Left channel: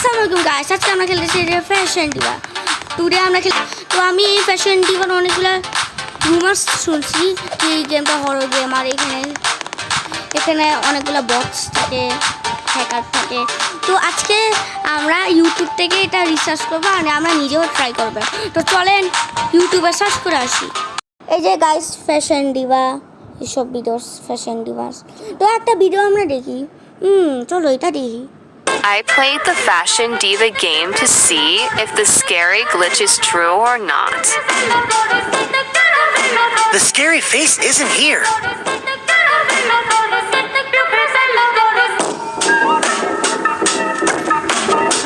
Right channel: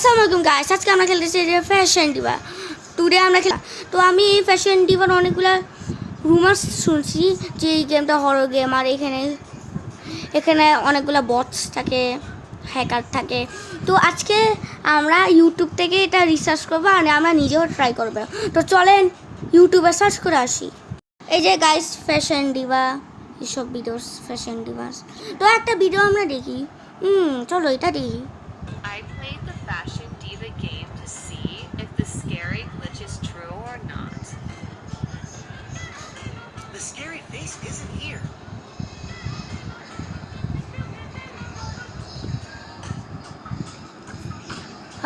আসসালামু আলাইকুম গাইস, আজকে আমরা খেলতেছি ফ্যাশন ডিভা। টুডে আমরা তো আমি এই ফ্যাশন ডিভার অনেকগুলো রুমার্স শুনছি যে এই গেমটা হরর গেম, আর এখানে অনেকগুলো বক্স থাকে, হ্যাকার থাকে। তো আজকে আমরা ইউটিউব থেকে এটা রিসার্চ করবো আর আমরা নিজেও ট্রাই করবো। তো চলেন ইউটিউবে সার্চ করে আসি। এই যে গাইস ফ্যাশন ডিভা, এইসব ভিডিওস ফ্যাশন ডিভাস। তো একটা ভিডিও আমরা দেখি, চলো এটা দেখি। I played the Fashion Diva game to see if the scary glitch is true or not. The scary face isn't here.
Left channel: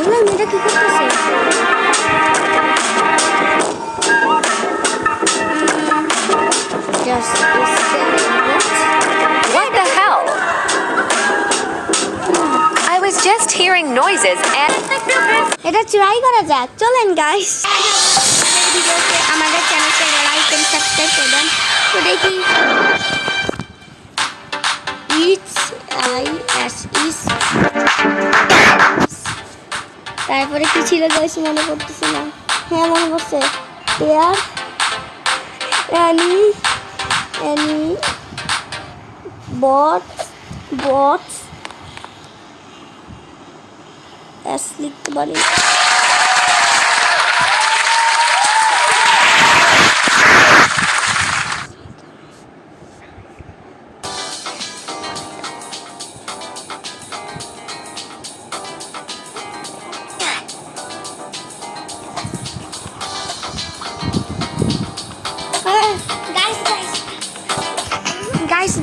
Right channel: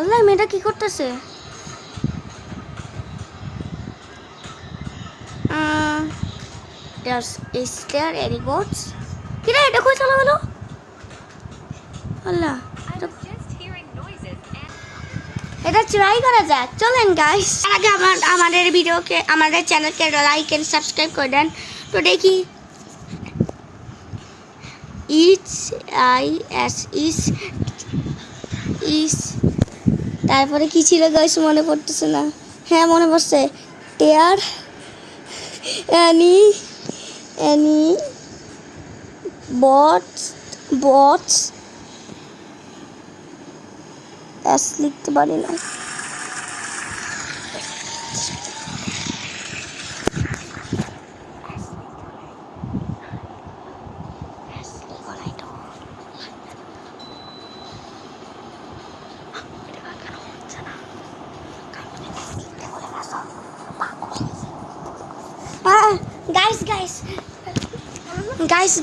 আল্লাহ, মেয়েটা কি করতেছে? Just is there any box? What the hell? I was just hearing noises and এটা try করা যাক, চলেন guys. আগে আমাদের ভিডিওকে, আমাদের চ্যানেলকে লাইক এন্ড সাবস্ক্রাইব করে দেন। তো দেখি ইটস ইস তারপরে কি ছিল গাইস, মনে করতেছি না। হ্যাঁ মনে পড়ছে, টেয়ার এনি বটস লিখতে পারি না।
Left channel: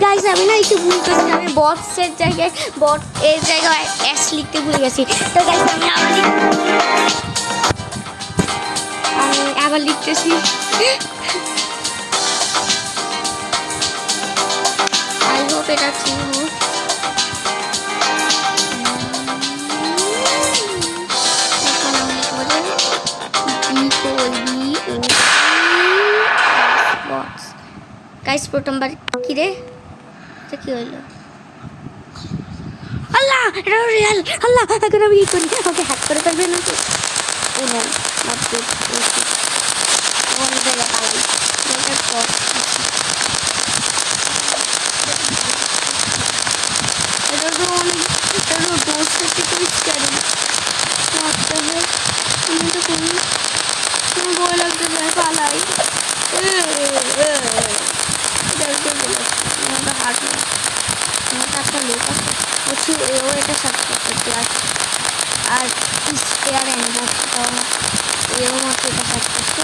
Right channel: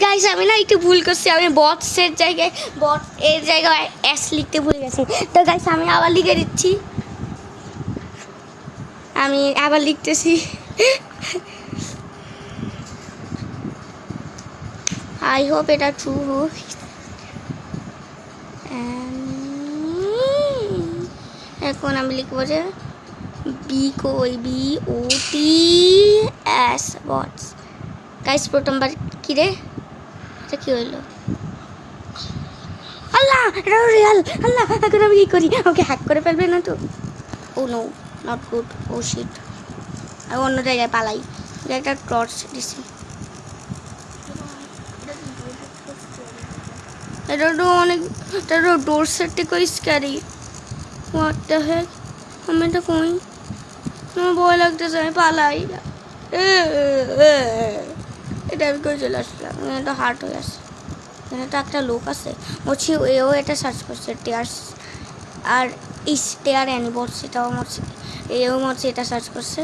গাইস আমি না একটু ভুল করছি, আমি বটসের জায়গায় এর জায়গায় এস লিখতে ভুলে গেছি। তো গাইস আমি আবার লিখে দিচ্ছি, আমি আবার লিখতেছি। আই হোপ এটা ট্রু হোক। এখন আমি লিখবো যে BOTS বটস। গাইস প্রথমবার কি রে, এটা কি হইলো? আল্লাহ, এটা রিয়েল। আল্লাহ, এখন আমি কি করি? ওকে হ্যাক করে ফেলবে না তো? Oh no, not good. Oh shit, অন্য জায়গায় পালাই। জায়গায় টর্চ দিচ্ছি। এটা তো অনেক, এটা তো ডোর সেটটি তো স্ক্যারি। মারতে হয় আমি তো কোন, আমার ভয় লাগতেছে, আমি পালাই। এটা করে লাগছে, এটা হার্ট হয়ে আছে। এটা একটা লোক আছে, বলছি এও এটা সার্চ করছে টেয়ার, আর স্টেয়ার অ্যানিবল, সেটাও আমার এও হচ্ছে এটা সার্চ করছে।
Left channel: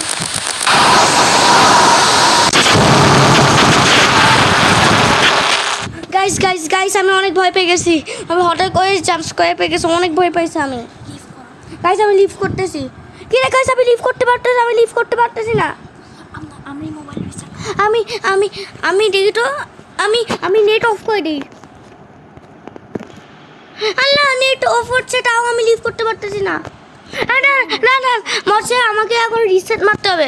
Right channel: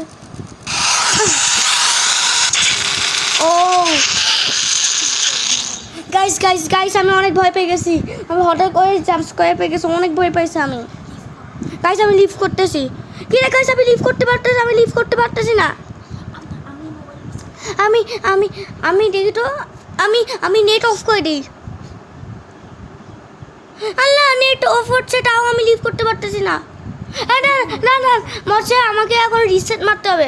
গাইস আমি অনেক ভয় পেয়ে গেছি। আমি হঠাৎ করে জাম্প স্কোয়ার পেয়ে গেছি, অনেক ভয় পাইছি আমি। গাইস আমি লিভ করতেছি। কি রে গাইস, আমি লিভ করতে পারতেছি না। আমি দেখি তো, আমি নেট অফ করে দিই। আল্লাহ, নেট অফ হচ্ছে, তাও আমি লিভ করতে পারতেছি না। না মরছে, আমাকে এখন রিসেট মারতে হবে।